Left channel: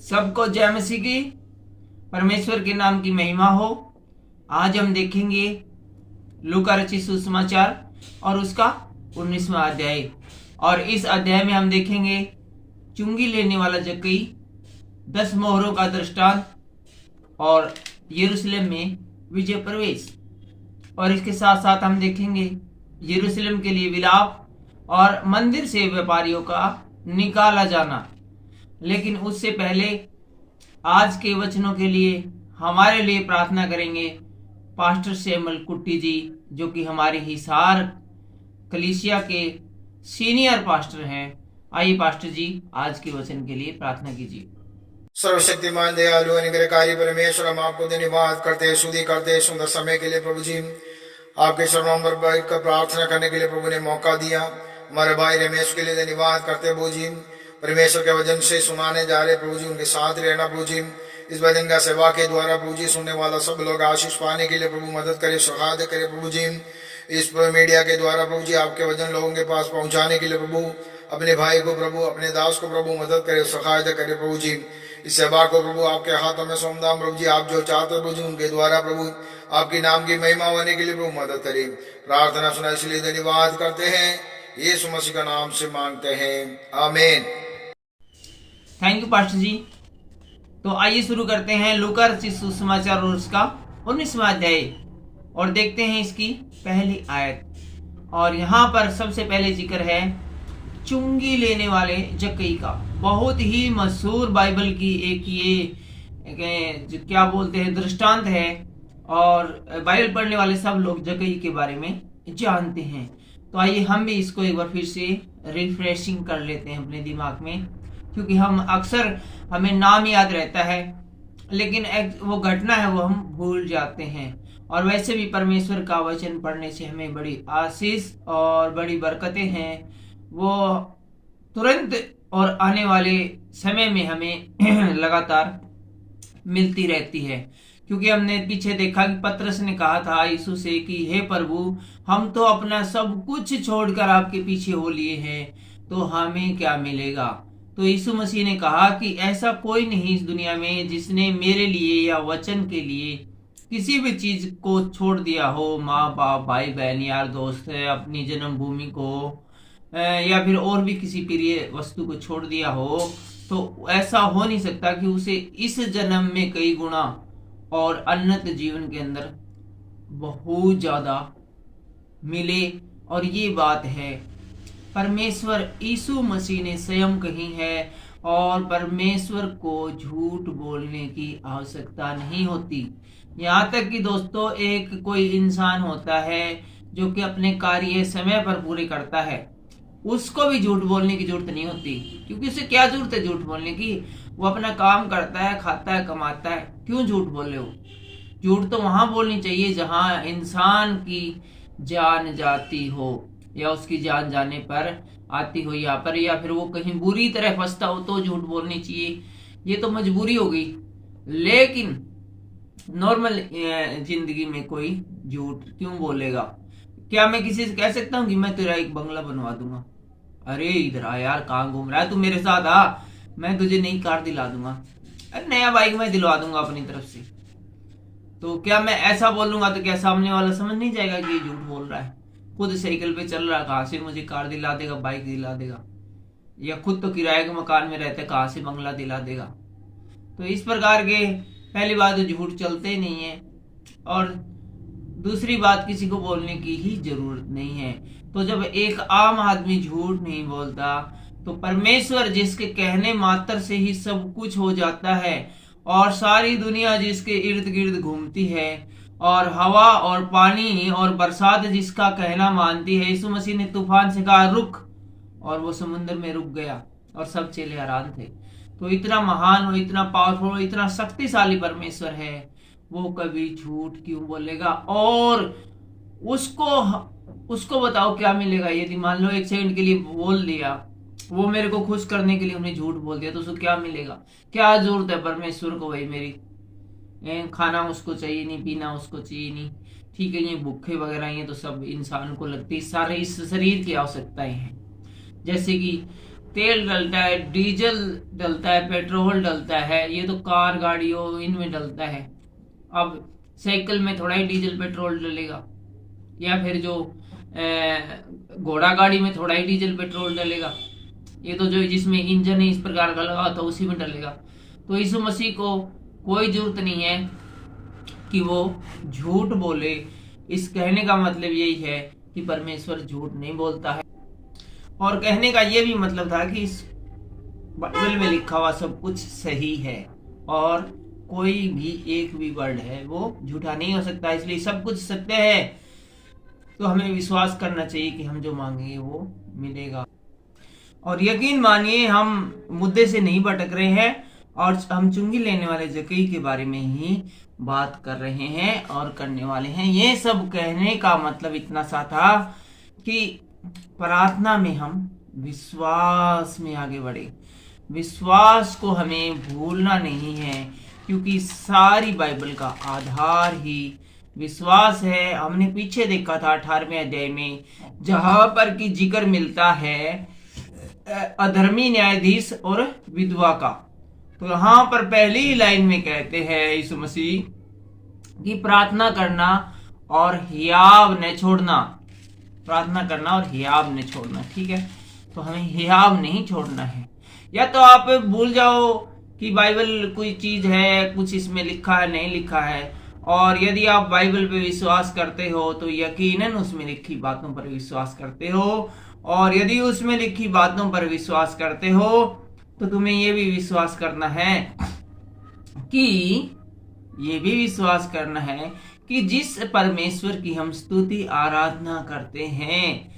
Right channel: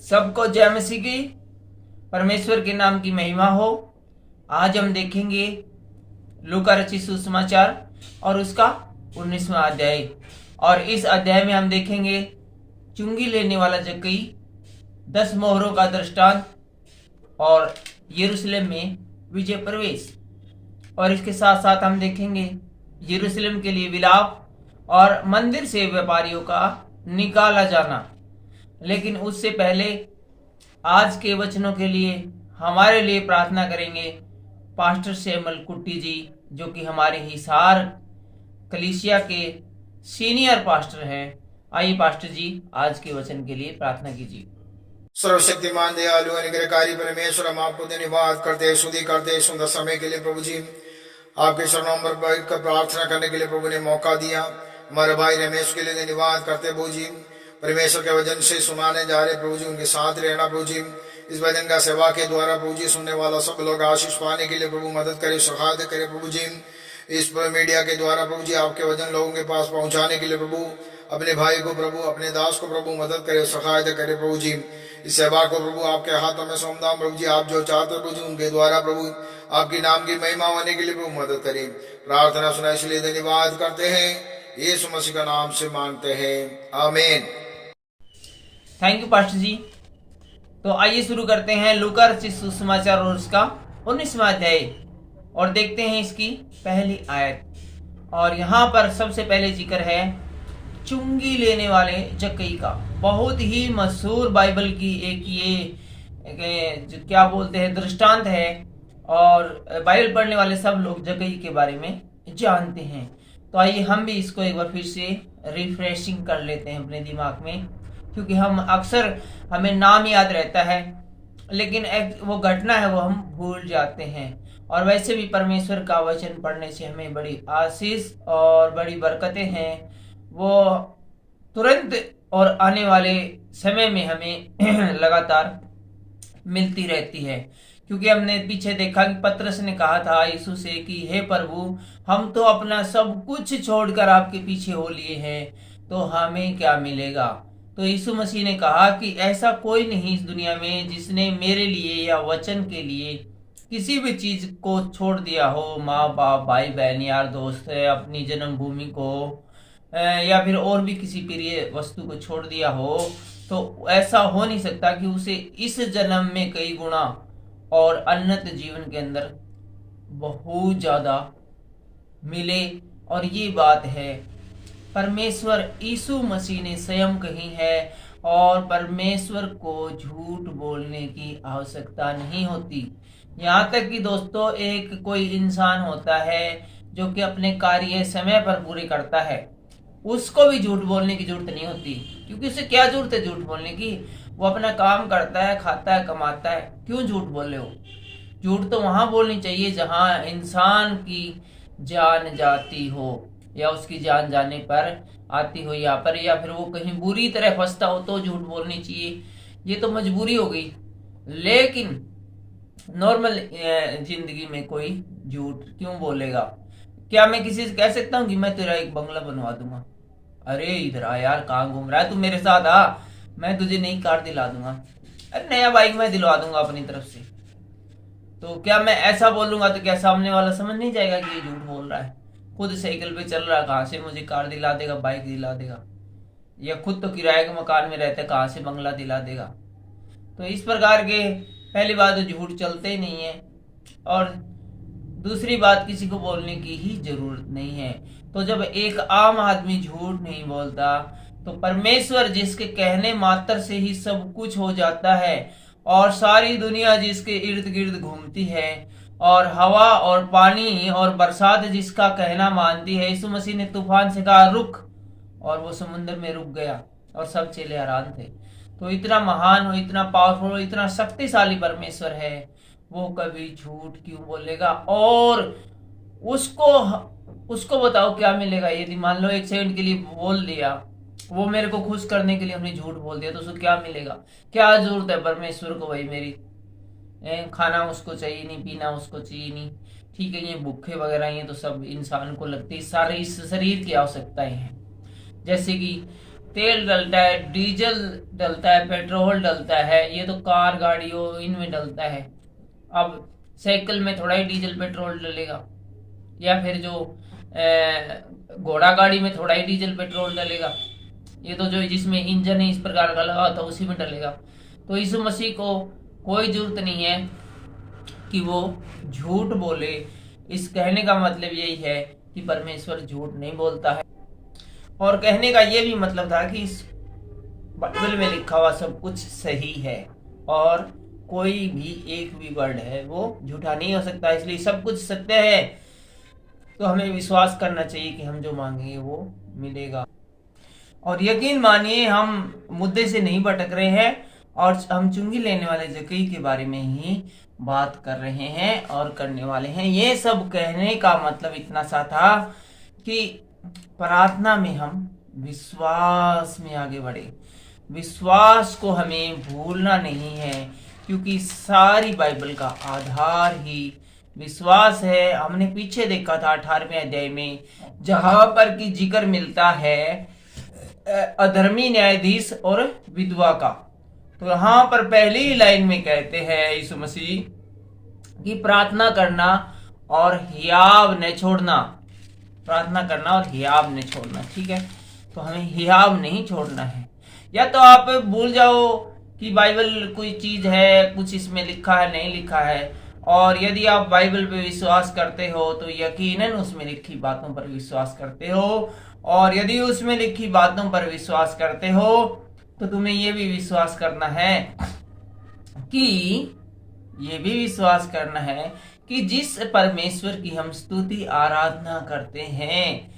सबको जय मसीह की। परमेश्वर के नाम की महिमा हो। आज हम देखेंगे लूका रचित सुसमाचार और उसका 19वां अध्याय। और इस अध्याय में हम देखेंगे चुंगी लेने वाला जक्कई, 10 मोहरों का दृष्टांत और यरूशलेम में विजय प्रवेश। और इसके साथ साथ हम देखेंगे यरूशलेम के लिए विलाप और मंदिर से व्यापारियों का निकाला जाना। लेकिन उससे पहले आज के वचनों के लिए हमारे लिए प्रार्थना करेंगे पास्टर सैमुअल कुट्टी जी, जो कि हमारे हिसार कलीसिया के सीनियर पास्टर हैं। आइए पास्टर जी, आज के वचन के लिए प्रार्थना कीजिए। सर्वशक्तिमान दयालु अनुग्रहकारी परमेश्वर, हम आपको धन्यवाद करते हैं, स्तुति करते हैं सुंदर समय के लिए। प्रभु जी, आपके चरणों पर बैठकर प्रार्थना करने के लिए प्रभु ने मौका दिया। हमारे भाई रमेश के लिए धन्यवाद करते हैं प्रभु जी। परमेश्वर के वचन से सुनाने जा रहे प्रभु जी, उनके साथ रहना प्रभु जी। इस वचन का सेवा के द्वारा प्रभु जी सुनने वाला सब लोग आशीष पाने के लिए प्रभु मदद करे, सहायता करे प्रभु जी। इस मीडिया के द्वारा प्रभु जी आपके वचन लोगों के पास पहुंचाने के लिए प्रभु अपने भाई को प्रभु, अपने दास को प्रभु मदद करे, सहायता करे प्रभु जी। इस सेवा को प्रभु आपके हाथों में सौंपता प्रभु जी। आप जो चाहते प्रभु जी उनके द्वारा प्रभु आपके नाम की महिमा होने के लिए प्रभु मदद करें। प्रार्थना सुना इसलिए धन्यवाद करते हैं, यीशु मसीह का नाम से मांगते हैं, आमीन। थैंक यू पास्टर जी। तो आइए शुरू करते हैं लूका रचित सुसमाचार और उसका 19वां अध्याय और देखते हैं इसकी पहली आयत। और यहाँ पर सबसे पहले जिक्र है चुंगी लेने वाले जक्कई का। बहुत ही मशहूर बाइबल की एक क्या बोलते हैं दृष्टांत है, और बाइबल पढ़ने वाले सब लोग जक्कई के बारे में जानते हैं। तो आइए हम भी इसको एक बार फिर से रिफ्रेशिंग कर लेते हैं अपने दिमाग में, क्योंकि हम अक्सर हमें नाम याद रहता है लेकिन वो घटना है वो हम भूल जाते हैं। और वैसे भी परमेश्वर का वचन पढ़ने से हमें बड़ी आशीष और बड़ी बरकतें हैं, वो तुरंत और आने वाले समय में हमें लगातार मिलती रहती है। क्योंकि हमने पीछे देखा कि पतरस ने कहा था यीशु से कि हे प्रभु, हम तो अपना सब कुछ छोड़कर आपके पीछे हो लिए हैं, तो हमें क्या मिलेगा। तो यीशु मसीह ने कहा कि ऐसा कोई नहीं इस दुनिया में जिसने मेरे लिए या वचन के लिए किसी भी चीज को छोड़ दिया हो, माँ बाप, भाई बहन, यार दोस्त, अपनी जन्मभूमि को या फिर और भी किसी प्रिय वस्तु को छोड़ दिया हो, तो ऐसा हो नहीं सकता कि उसे इस जन्म में कई गुना और उन्नत जीवन के अंदर बहुत ज्यादा मिले। और ये बात है परमेश्वर यीशु मसीह ने स्वयं कही है, और परमेश्वर को झूठ बोलने की आवश्यकता नहीं होती। यहाँ तक कि दोस्तों एक कोई इंसान होता है जो कि अपने कार्य समय पर पूरे करता है, उसको भी झूठ बोलने की जरूरत नहीं होती। क्योंकि उसे क्या जरूरत है झूठ बोलने की, वो अपना काम करता है, खाता है, कमाता है, क्यों झूठ बोले हो। झूठ तो वहां बोलनी चाहिए जहां इंसान की जान जाती हो या उसकी जान जाने पर आती हो यहाँ पर, या फिर वो कहीं बुरी तरह फंसता हो तो झूठ बोलनी चाहिए। ये तो मजबूरी हो गई। लेकिन नॉर्मल जिंदगी में कोई झूठ क्यों बोलेगा। क्या मैं किसी से कह सकता हूँ कि मैं तेरा एक बंगला बनवा दूंगा, अरे इधर आ यार, कहाँ घूम रहा है तू, मेरे साथ आ, मैं तुझे नई कार दिला दूंगा, अरे नया बाइक मैं दिलवा दूंगा अपनी तरफ से। तो क्या मैं ऐसा बोलूंगा तो क्या सामने वाला समझ नहीं जाएगा कि ये झूठ बोल रहा है। खुद साइकिल पे चल रहा, कहाँ से मुझे कार दिला देगा, बाइक दिला देगा, या खुद तो किराए के मकान में रहता है, कहाँ से बंगला दिला देगा। तो इस प्रकार के पहली बात तो झूठ चलते ही नहीं है, और दूसरी बात किसी को बोलने की ही जरूरत नहीं है। तो जब एक आम आदमी झूठ नहीं बोलता तो परमेश्वर जिसके कहने मात्र से ही सब कुछ हो जाता है, और सारी दुनिया जिसके इर्द गिर्द घूमती है, और हवा और पानी और बरसात जिसका कहना मानती है। यीशु मसीह ने तूफान से कहा रुक, और वो समुद्र में रुक गया और सब चेले हैरान थे। तो इतना महान और इतना पावरफुल और इतना शक्तिशाली परमेश्वर है, वो कभी झूठ क्यों बोलेगा। और उसको बताओ क्या मिलेगा। यदि मान लो 1 सेकंड के लिए बोल दिया, वो मेरे को खुश करने के लिए हमने झूठ बोल दिया, तो उसको क्या मिलेगा। क्या जरूरत है परमेश्वर को भाई मेरी, खाना उसको चाहिए नहीं, पीना उसको चाहिए नहीं, ठीक है, ये भूखे वगैरह ये तो सब इंसान को लगती है, सारे इस शरीर की आवश्यकताएं हैं। जैसे कि तेल डलता है, डीजल डलता है, पेट्रोल डलता है, ये तो कार गाड़ियों इनमें डलता है। अब साइकिल में थोड़ा ही डीजल पेट्रोल डलेगा, या फिर जो घोड़ा गाड़ी में थोड़ा ही डीजल पेट्रोल डलेगा। ये तो जो जिसमें इंजन है इस प्रकार का लगा होता है उसी में डलेगा। तो यीशु मसीह को कोई जरूरत नहीं है कि वो झूठ बोले। इस कहने का मतलब यही है कि परमेश्वर झूठ नहीं बोलता है। और कहने का ये भी मतलब था कि इस बाइबल में लिखा हुआ सब कुछ सही है और कोई भी एक भी वर्ड है वो झूठा नहीं हो सकता, इसलिए सब कुछ सत्य है। तो हमें विश्वास करना चाहिए कि हम जो मांगेंगे वो मिलेगा। और यकीन मानिए हम मुद्दे से नहीं भटक रहे हैं और हम चुंगी लेने वाले जक्कई के बारे में ही बात कर रहे हैं और करने वाले हैं। ये सब कहने का मतलब इतना सा था कि प्रार्थना में हम विश्वास में आगे बढ़े। विश्वास को हमें भूलना नहीं है, क्योंकि सारी बाइबल का आधार ही विश्वास है। हमने पीछे देखा था 18वें अध्याय में, जहां पर की जिक्र मिलता है अधर्मी न्यायाधीश और विधवा का। तो यहाँ पर पहली लाइन में कहते हैं यीशु मसीह कि प्रार्थना करना और हियाव न छोड़ना। प्रार्थना करना और हियाव न छोड़ना, ठीक है। तो हमें हियाव नहीं छोड़ना है। या तो आप भूल जाओ कि बाइबल कोई चीज है, कुछ इसमें लिखा है नहीं लिखा है, और यदि आप बाइबल पे विश्वास करते हो तो यकीनन उसमें लिखी बातों पर विश्वास करते हो, और यदि उसमें लिखी बातों पर विश्वास करते हो तो तुम्हें यह भी विश्वास करना है कि जिस परमेश्वर की हम स्तुति आराधना करते हैं,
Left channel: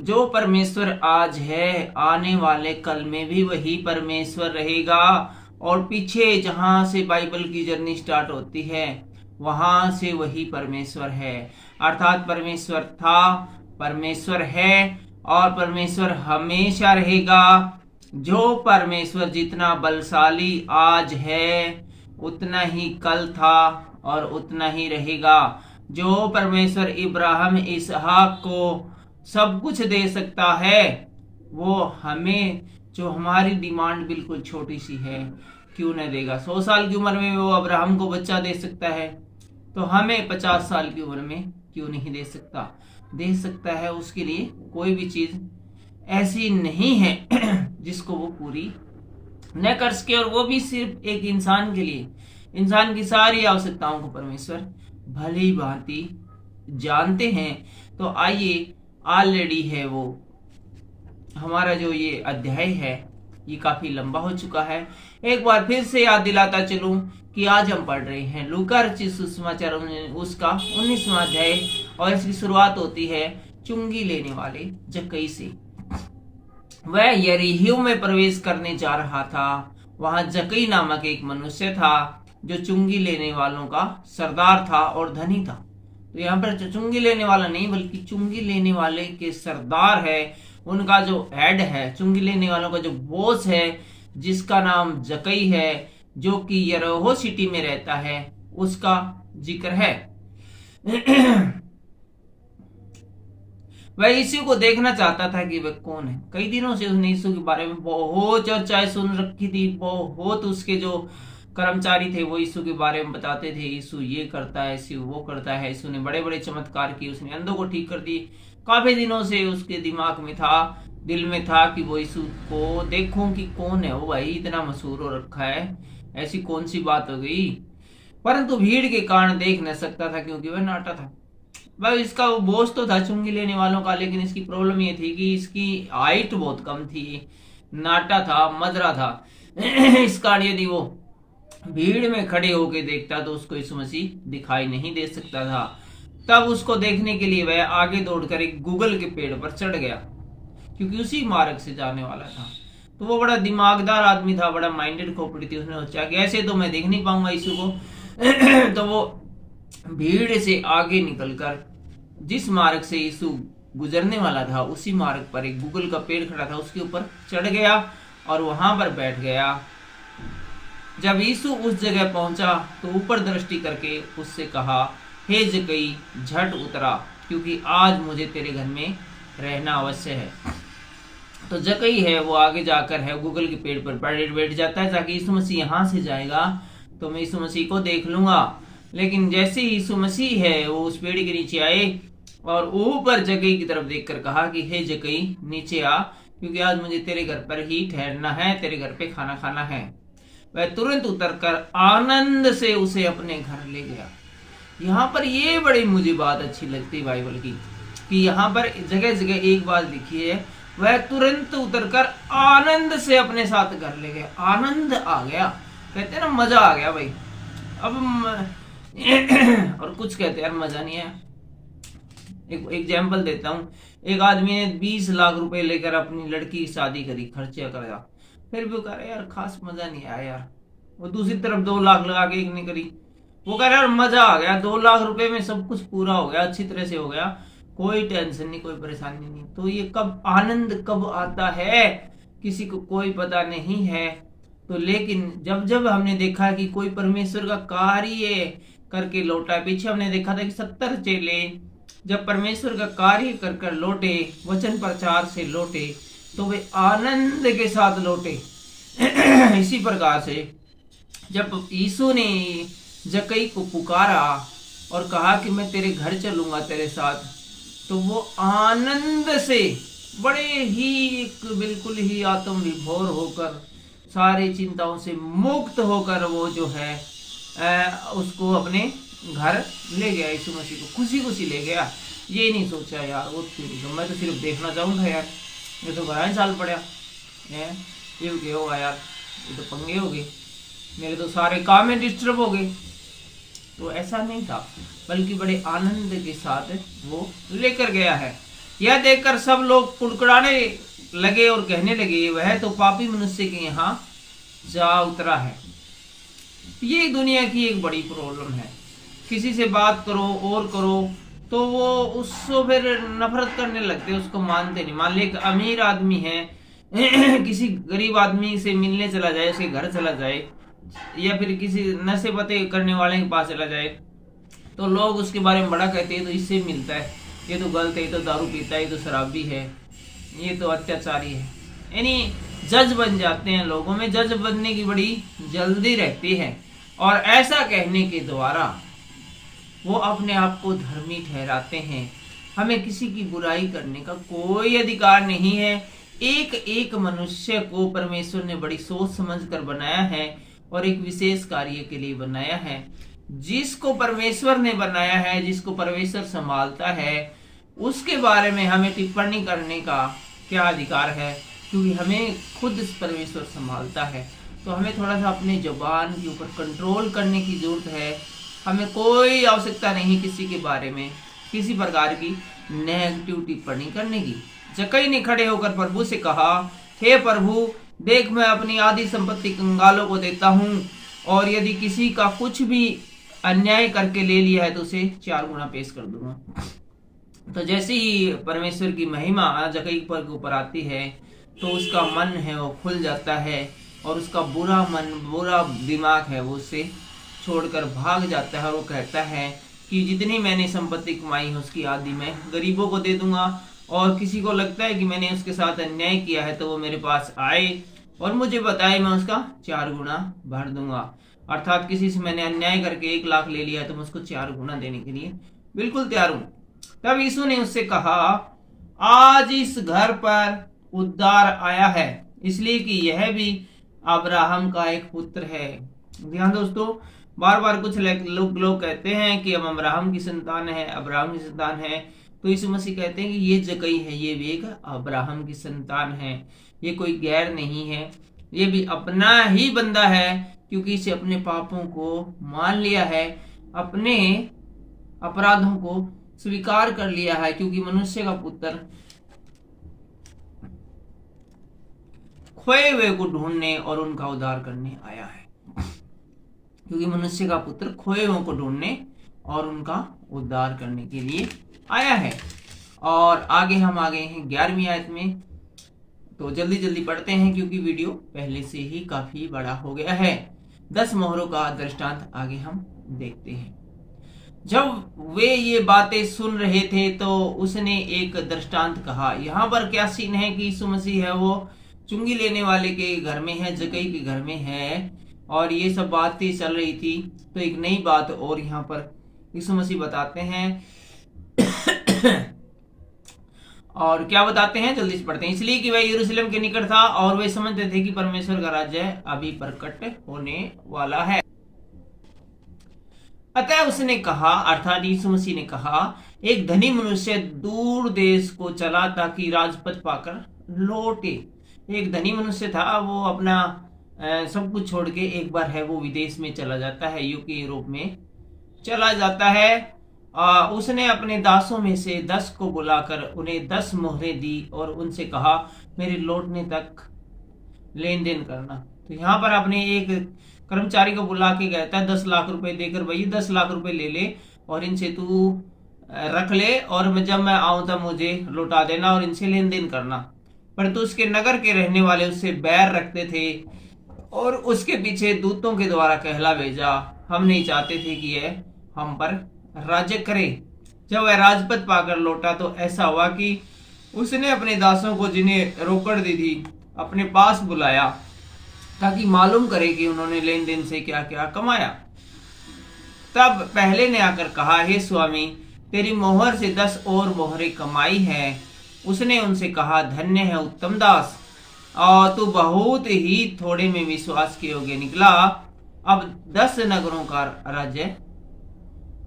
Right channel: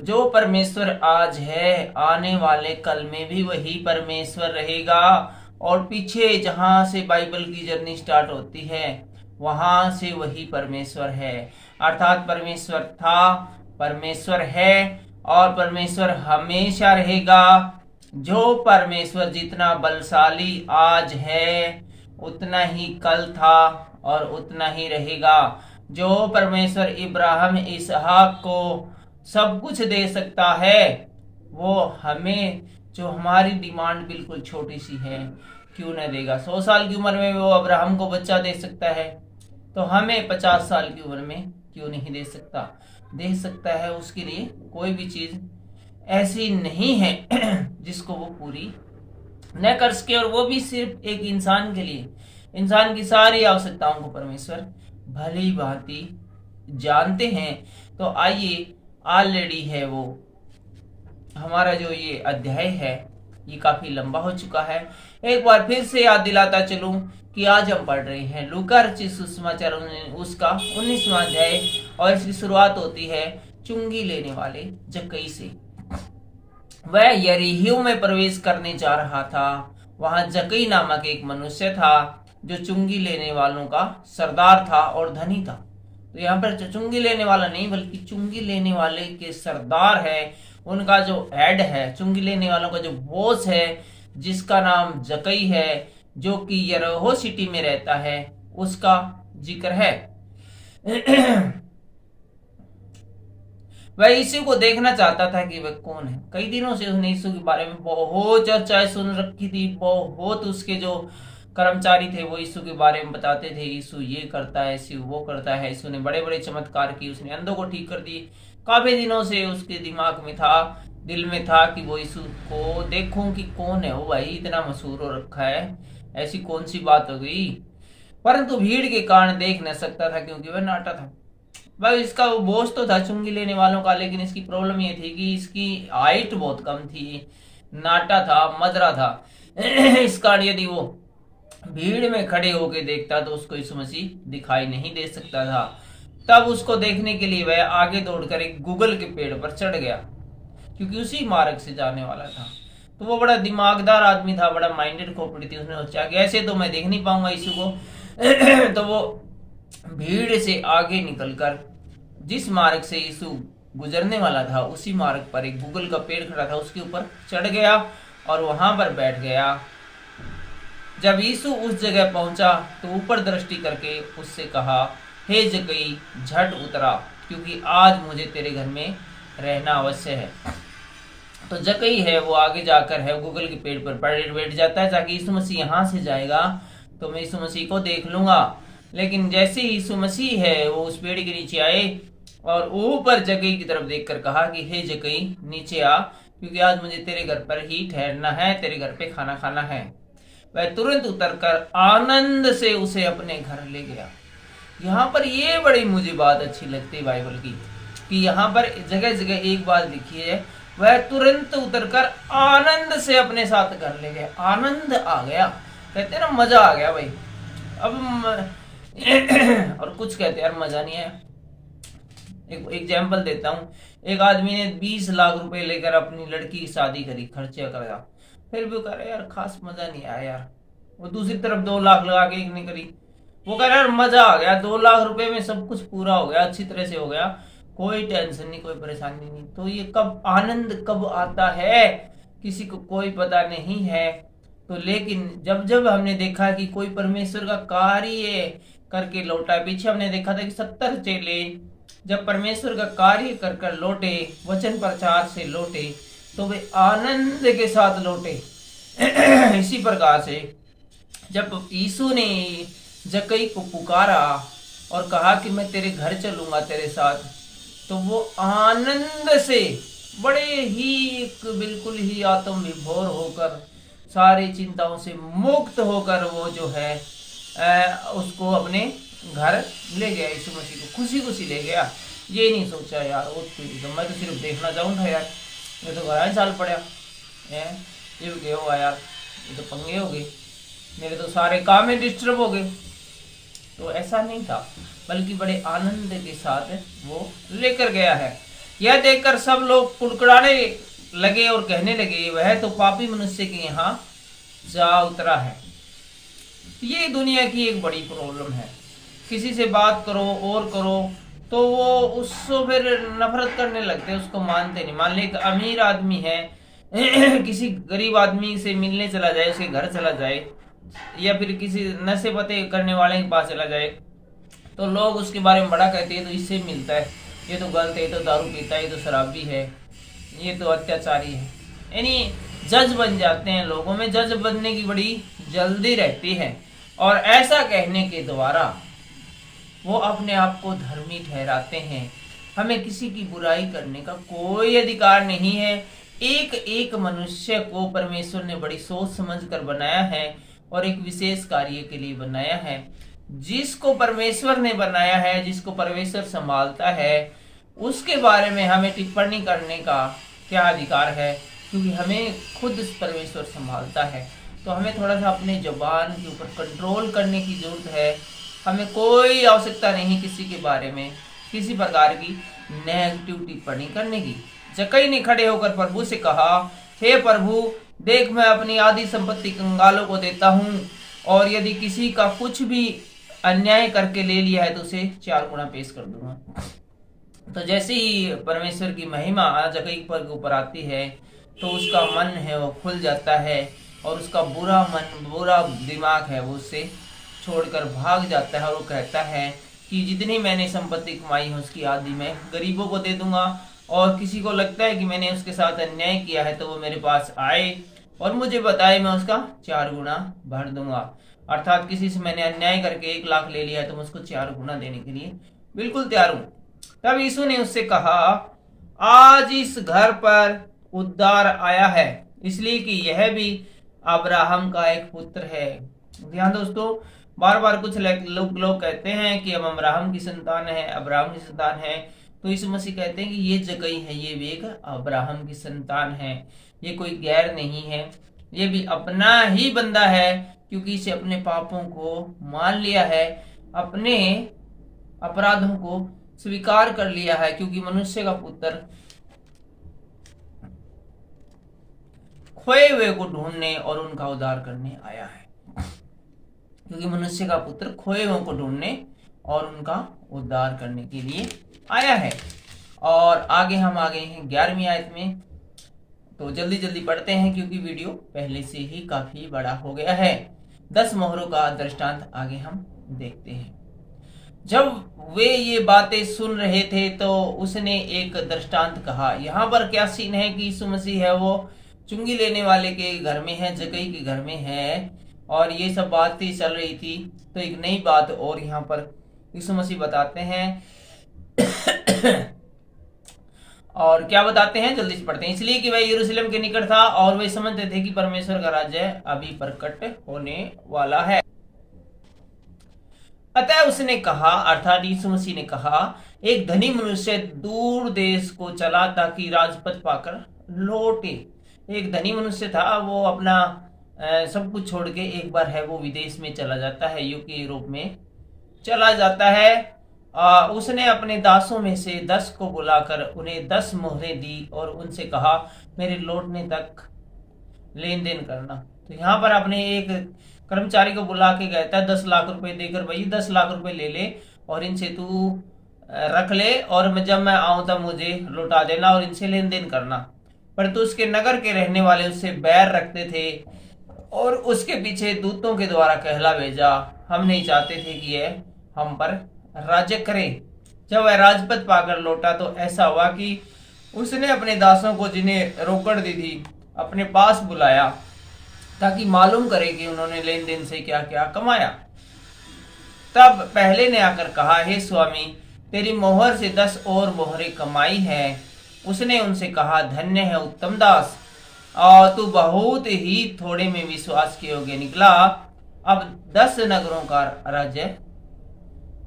जो परमेश्वर आज है, आने वाले कल में भी वही परमेश्वर रहेगा। और पीछे जहां से बाइबल की जर्नी स्टार्ट होती है वहां से वही परमेश्वर है। अर्थात परमेश्वर था, परमेश्वर है और परमेश्वर हमेशा रहेगा। जो परमेश्वर जितना बलशाली आज है उतना ही कल था और उतना ही रहेगा। जो परमेश्वर इब्राहिम इसहाक को सब कुछ दे सकता है, वो हमें जो हमारी डिमांड बिल्कुल छोटी सी है क्यों न देगा। 100 साल की उम्र में वो अब्राहम को बच्चा दे सकता है, तो हमें 50 साल की उम्र में क्यों नहीं दे सकता। दे सकता है। उसके लिए कोई भी चीज ऐसी नहीं है जिसको वो पूरी न कर सके, और वो भी सिर्फ एक इंसान के लिए। इंसान की सारी आवश्यकताओं को परमेश्वर भली भांति जानते हैं। तो आइए, ऑलरेडी है वो हमारा जो ये अध्याय है ये काफी लंबा हो चुका है। एक बार फिर से याद दिलाता चलूं कि आज हम पढ़ रहे हैं लूका रचित सुसमाचार उसका 19वां अध्याय, और इसकी शुरुआत होती है चुंगी लेने वाले जक्कई से। वह यरीहो में प्रवेश करने जा रहा था। वहां जक्कई नामक एक मनुष्य था जो चुंगी लेने वालों का सरदार था और धनी था। तो यहाँ पर चुंगी लेने वाला नहीं बल्कि चुंगी लेने वाले के सरदार है, उनका जो हेड है, चुंगी लेने वालों का जो बॉस है, जिसका नाम जक्कई है, जो कि यरीहो सिटी में रहता है, उसका जिक्र है। वह यीशु को देखना चाहता था कि वह कौन है। कई दिनों से उसने यीशु के बारे में बहुत चर्चाएं सुन रखी थी। बहुत उसके जो कर्मचारी थे वो यीशु के बारे में बताते थे, यीशु ये करता है, यीशु वो करता है। यीशु ने बड़े बड़े चमत्कार किए, उसने अंधों को ठीक कर दिए। काफी दिनों से उसके दिमाग में था, दिल में था कि वो यीशु को देखूं कि कौन है वो, भाई इतना मशहूर हो रखा है, ऐसी कौन सी बात हो गई। परंतु भीड़ के कारण देख न सकता था क्योंकि वह नाटा था। भाई इसका वो बॉस तो था चुंगी लेने वालों का, लेकिन इसकी प्रॉब्लम ये थी कि इसकी हाइट बहुत कम थी, नाटा था, मदरा था। इस कारण यदि वो भीड़ में खड़े होके देखता तो उसको यीशु मसीह दिखाई नहीं दे सकता था। तब उसको देखने के लिए वह आगे दौड़कर एक गूगल के पेड़ पर चढ़ गया, क्योंकि उसी मार्ग से जाने वाला था। तो वो बड़ा दिमागदार आदमी था, बड़ा माइंडेड खोपड़ी थी। उसने सोचा कि ऐसे तो मैं देख नहीं पाऊंगा यीशु को। तो वो भीड़ से आगे निकलकर जिस मार्ग से यीशु गुजरने वाला था उसी मार्ग पर एक गूगल का पेड़ खड़ा था, उसके ऊपर चढ़ गया और वहां पर बैठ गया। जब यीशु उस जगह पहुंचा तो ऊपर दृष्टि करके उससे कहा, हे जक्कई, झट उतरा, क्योंकि आज मुझे तेरे घर में रहना अवश्य है। तो जकई है वो आगे जाकर है गूगल के पेड़ पर बैठ जाता है ताकि यीशु मसीह यहाँ से जाएगा तो मैं यीशु मसीह को देख लूंगा। लेकिन जैसे ही यीशु मसीह है वो उस पेड़ के नीचे आए और ऊपर जकई की तरफ देखकर कहा कि हे जकई नीचे आ, क्योंकि आज मुझे तेरे घर पर ही ठहरना है, तेरे घर पे खाना खाना है। वह तुरंत उतरकर आनंद से उसे अपने घर ले गया। यहाँ पर ये बड़ी मुझे बात अच्छी लगती है बाइबल की कि यहाँ पर जगह जगह एक बात लिखी है, वह तुरंत उतरकर आनंद से अपने साथ घर ले गया। आनंद आ गया, कहते हैं ना मजा आ गया भाई। अब और कुछ कहते हैं यार मजा नहीं है। एक एग्जाम्पल देता हूँ, एक आदमी ने 20 लाख रुपए लेकर अपनी लड़की की शादी करी, खर्चा कराया, फिर भी कह रहा यार खास मजा नहीं आया यार। वो दूसरी तरफ 2 लाख लगा के एक ने करी, वो कह रहा यार मजा आ गया, 2 लाख रुपए में सब कुछ पूरा हो गया, अच्छी तरह से हो गया, कोई टेंशन नहीं, कोई परेशानी नहीं। तो ये कब आनंद कब आता है किसी को कोई पता नहीं है। तो लेकिन जब जब हमने देखा कि कोई परमेश्वर का कार्य करके लौटा, पीछे हमने देखा था कि 70 चेले जब परमेश्वर का कार्य कर कर लौटे, वचन प्रचार से लौटे, तो वे आनंद के साथ लौटे। इसी प्रकार से जब यीशु ने जकई को पुकारा और कहा कि मैं तेरे घर चलूंगा तेरे साथ, तो वो आनंद से बड़े ही बिल्कुल ही आत्म विभोर होकर सारी चिंताओं से मुक्त होकर वो जो है उसको अपने घर ले गया। यीशु मसीह को खुशी खुशी ले गया। ये नहीं सोचा यार वो तो मैं तो सिर्फ देखना चाहूँगा यार, मैं तो घर साल पड़ा है, फिर क्या होगा यार, ये तो पंगे हो गए, मेरे तो सारे काम में डिस्टर्ब हो गए। तो ऐसा नहीं था, बल्कि बड़े आनंद के साथ वो लेकर गया है। यह देखकर सब लोग कुड़कुड़ाने लगे और कहने लगे वह तो पापी मनुष्य के यहाँ जा उतरा है। ये दुनिया की एक बड़ी प्रॉब्लम है, किसी से बात करो और करो तो वो उसको फिर नफरत करने लगते, उसको मानते नहीं। मान ली एक अमीर आदमी है किसी गरीब आदमी से मिलने चला जाए, उसके घर चला जाए, या फिर किसी नशे पते करने वाले के पास चला जाए, तो लोग उसके बारे में बड़ा कहते हैं तो इससे मिलता है, ये तो गलत है, ये तो दारू पीता है, ये तो शराबी है, ये तो अत्याचारी है। यानी जज बन जाते हैं, लोगों में जज बनने की बड़ी जल्दी रहती है और ऐसा कहने के द्वारा वो अपने आप को धर्मी ठहराते हैं। हमें किसी की बुराई करने का कोई अधिकार नहीं है। एक एक मनुष्य को परमेश्वर ने बड़ी सोच समझकर बनाया है और एक विशेष कार्य के लिए बनाया है। जिसको परमेश्वर ने बनाया है, जिसको परमेश्वर संभालता है, उसके बारे में हमें टिप्पणी करने का क्या अधिकार है, क्योंकि हमें खुद परमेश्वर संभालता है। तो हमें थोड़ा सा अपने जुबान के ऊपर कंट्रोल करने की जरूरत है। हमें कोई आवश्यकता नहीं किसी के बारे में किसी प्रकार की नेगेटिव टिप्पणी करने की। जकई ने खड़े होकर प्रभु से कहा, हे प्रभु, देख मैं अपनी आधी संपत्ति कंगालों को देता हूँ, और यदि किसी का कुछ भी अन्याय करके ले लिया है तो उसे 4 गुना पेश कर दूंगा। तो जैसे ही परमेश्वर की महिमा जकई पर ऊपर आती है तो उसका मन है वो खुल जाता है और उसका बुरा मन, बुरा दिमाग है वो उससे छोड़कर भाग जाता है। और वो कहता है कि जितनी मैंने संपत्ति कमाई है उसकी आधी मैं गरीबों को दे दूंगा, और किसी को लगता है कि मैंने उसके साथ अन्याय किया है तो वो मेरे पास आए और मुझे बताए, मैं उसका 4 गुना भर दूंगा। अर्थात किसी से मैंने अन्याय करके 1 लाख ले लिया है तो मैं उसको 4 गुना देने के लिए बिल्कुल तैयार हूं। तब यीशु ने उससे कहा, आज इस घर पर उद्धार आया है, इसलिए कि यह भी अब्राहम का एक पुत्र है। ध्यान दोस्तों, बार बार कुछ लोग कहते हैं कि हम अब्राहम की संतान है, अब्राहम की संतान है। तो यीशु मसीह कहते हैं कि ये जकई है, ये भी एक अब्राहम की संतान है, ये कोई गैर नहीं है, ये भी अपना ही बंदा है, क्योंकि इसे अपने पापों को मान लिया है, अपने अपराधों को स्वीकार कर लिया है, क्योंकि मनुष्य का पुत्र खोए हुए को ढूंढने और उनका उद्धार करने आया है। क्योंकि मनुष्य का पुत्र खोए हुए को ढूंढने और उनका उद्धार करने के लिए आया है। और आगे हम आ गए हैं 11वीं आयत में, तो जल्दी जल्दी पढ़ते हैं क्योंकि वीडियो पहले से ही काफी बड़ा हो गया है। 10 मोहरों का दृष्टांत आगे हम देखते हैं। जब वे ये बातें सुन रहे थे तो उसने एक दृष्टांत कहा। यहाँ पर क्या सीन है कि यीशु मसीह है वो चुंगी लेने वाले के घर में है, जक्कई के घर में है, और ये सब बातें चल रही थी। तो एक नई बात और यहाँ पर यीशु मसीह बताते हैं और क्या बताते हैं, जल्दी से पढ़ते हैं। इसलिए कि वह यरूशलेम के निकट था और वे समझते थे कि परमेश्वर का राज्य अभी प्रकट होने वाला है। अतः उसने कहा, अर्थात यीशु मसीह ने कहा, एक धनी मनुष्य दूर देश को चला ताकि राजपद पाकर लौटे। एक धनी मनुष्य था, वो अपना सब कुछ छोड़ के एक बार है वो विदेश में चला जाता है, यूके यूरोप में चला जाता है। उसने अपने दासों में से 10 को बुलाकर उन्हें 10 मोहरें दी और उनसे कहा, मेरे लौटने तक लेन देन करना। तो यहाँ पर अपने एक कर्मचारी को बुला के कहता है 10 लाख रुपए देकर, भाई 10 लाख रुपए ले ले और इनसे तू रख ले, और जब मैं आऊं तब मुझे लौटा देना और इनसे लेन देन करना। परंतु उसके नगर के रहने वाले उससे बैर रखते थे और उसके पीछे दूतों के द्वारा कहला भेजा, हम नहीं चाहते थे कि यह हम पर राज्य करे। जब वह राजपद पाकर लौटा तो ऐसा हुआ कि उसने अपने दासों को, जिन्हें रोकड़ दी थी, अपने पास बुलाया ताकि मालूम करे कि उन्होंने लेन देन से क्या क्या कमाया। तब पहले ने आकर कहा, हे स्वामी, तेरी मोहर से 10 और मोहरें कमाई है। उसने उनसे कहा, धन्य है उत्तम दास, और तू बहुत ही थोड़े में विश्वास के योग्य निकला, अब 10 नगरों का राज्य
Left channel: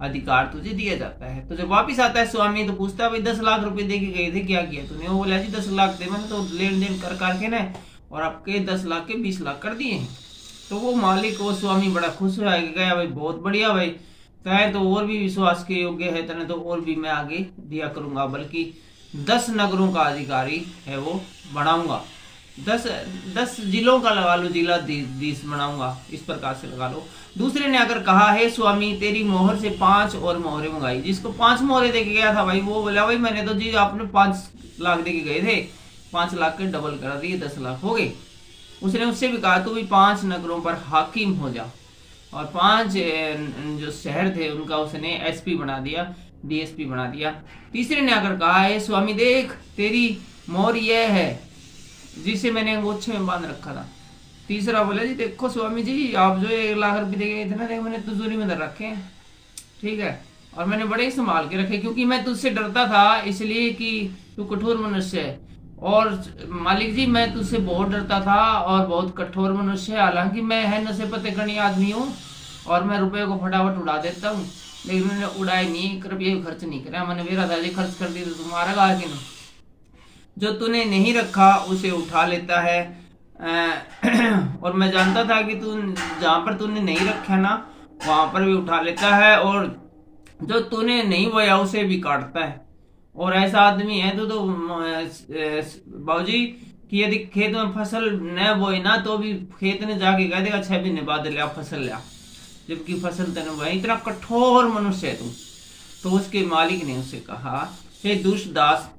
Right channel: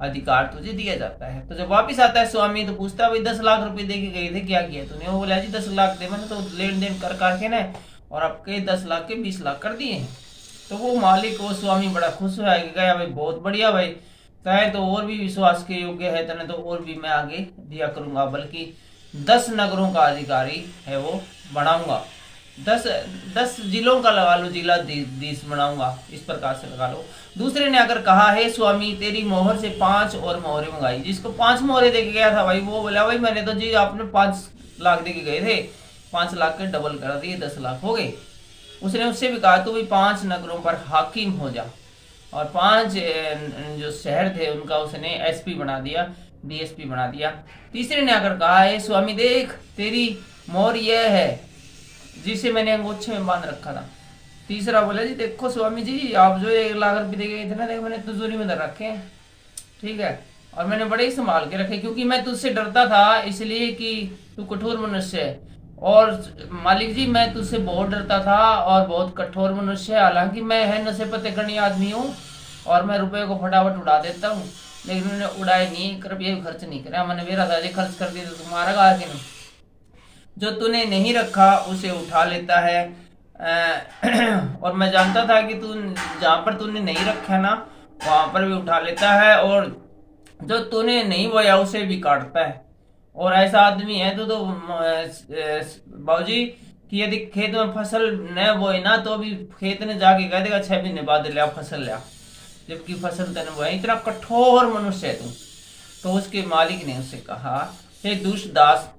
अधिकार तुझे दिया जाता है। तो जब वापिस आता है स्वामी तो पूछता है, भाई 10 लाख रुपए दे के गए थे, क्या किया तूने? वो बोला, जी 10 लाख दे, मैंने तो लेन देन कर करके ना और आपके 10 लाख के 20 लाख कर दिए। तो वो मालिक, वो स्वामी बड़ा खुश हो गया, भाई बहुत बढ़िया, भाई कहे तो और भी विश्वास के योग्य है तने, तो और भी मैं आगे दिया करूंगा, बल्कि 10 नगरों का अधिकारी है वो बनाऊंगा, 10 जिलों का लगा लो, जिला 10 बनाऊंगा, इस प्रकार से लगा लो। दूसरे ने अगर कहा, है स्वामी, तेरी मोहर से 5 और मोहरें मंगाई। जिसको 5 मोहरें देके गया था, भाई वो बोला, भाई मैंने तो जी आपने 5 लाख देके गए थे, 5 लाख के डबल करा दिए, 10 लाख हो गए। उसने उससे भी कहा, तू भी 5 नगरों पर हाकिम हो जा, और 5 जो शहर थे उनका उसने एसपी बना दिया, डीएसपी बना दिया। तीसरे ने आकर कहा, है स्वामी, देख तेरी मोहर यह है जिसे मैंने अंगूठे में बांध रखा था। तीसरा बोला, जी देखो स्वामी जी, आप जो 1 लाख रुपए दे गए थे ना, देखो मैंने तिजोरी में धर रखे हैं, ठीक है, और मैंने बड़े ही संभाल के रखे, क्योंकि मैं तुझसे डरता था, इसलिए कि तू कठोर मनुष्य है। और मालिक जी, मैं तुझसे बहुत डरता था और बहुत कठोर मनुष्य है, हालांकि मैं है नशे पते करनी आदमी हूँ और मैं रुपये को फटाफट उड़ा देता हूँ, लेकिन मैंने उड़ाए नहीं, एक रुपये भी खर्च नहीं करा, मैंने मेरा दादी खर्च कर दी, तो तुम्हारा कहा कि नहीं, जो तूने नहीं रखा उसे उठा लेता है। और मैं जानता था कि तू जहां पर तूने नहीं रखा ना वहां पर भी उठा लेता है, और जो तूने नहीं बोया उसे भी काटता है। और ऐसा आदमी है तो बाबूजी कि यदि खेत में फसल न बोए ना तो भी खेत ने जाके कह देगा 6 महीने बाद लिया फसल लिया, जबकि फसल तेने बोया। इतना कठोर मनुष्य है तू। तो उसके मालिक ने उसे कहा, हे दुष्ट दास,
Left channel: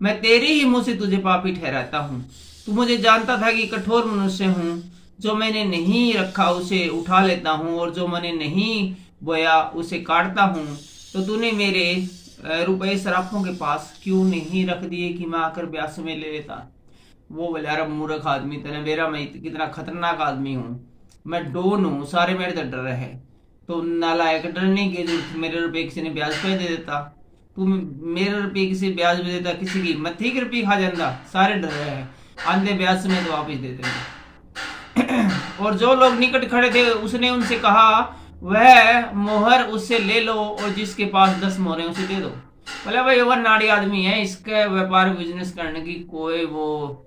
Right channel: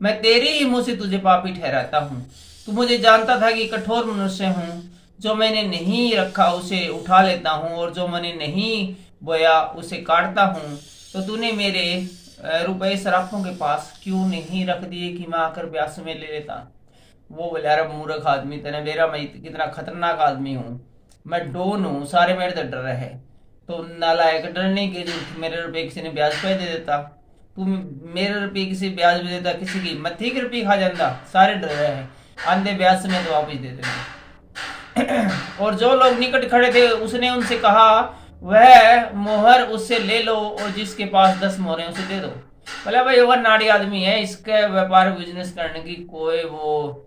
मैं तेरे ही मुंह से तुझे पापी ठहराता हूँ। तू मुझे जानता था कि कठोर मनुष्य हूँ, जो मैंने नहीं रखा उसे उठा लेता हूँ और जो मैंने नहीं बोया उसे काटता हूँ। तो तूने मेरे रुपए सराफों के पास क्यों नहीं रख दिए कि मैं आकर ब्यास में ले लेता? वो बोला, अरे मूर्ख आदमी, तेने मेरा मैं कितना खतरनाक आदमी हूँ, मैं डोन हूँ, सारे मेरे से डर रहे हैं। तो नालायक, डरने के मेरे रुपए किसी ने ब्याज पे दे देता, तू मेरे रुपये किसी ब्याज में देता, किसी की मत्थी की रुपये खा जाता, सारे डर रहे हैं, आंधे ब्याज में तो वापिस दे देंगे। और जो लोग निकट खड़े थे उसने उनसे कहा, वह मोहर उससे ले लो और जिसके पास 10 मोहरें उसे दे दो। बोला, भाई वो नाड़ी आदमी है, इसके व्यापार बिजनेस करने की कोई वो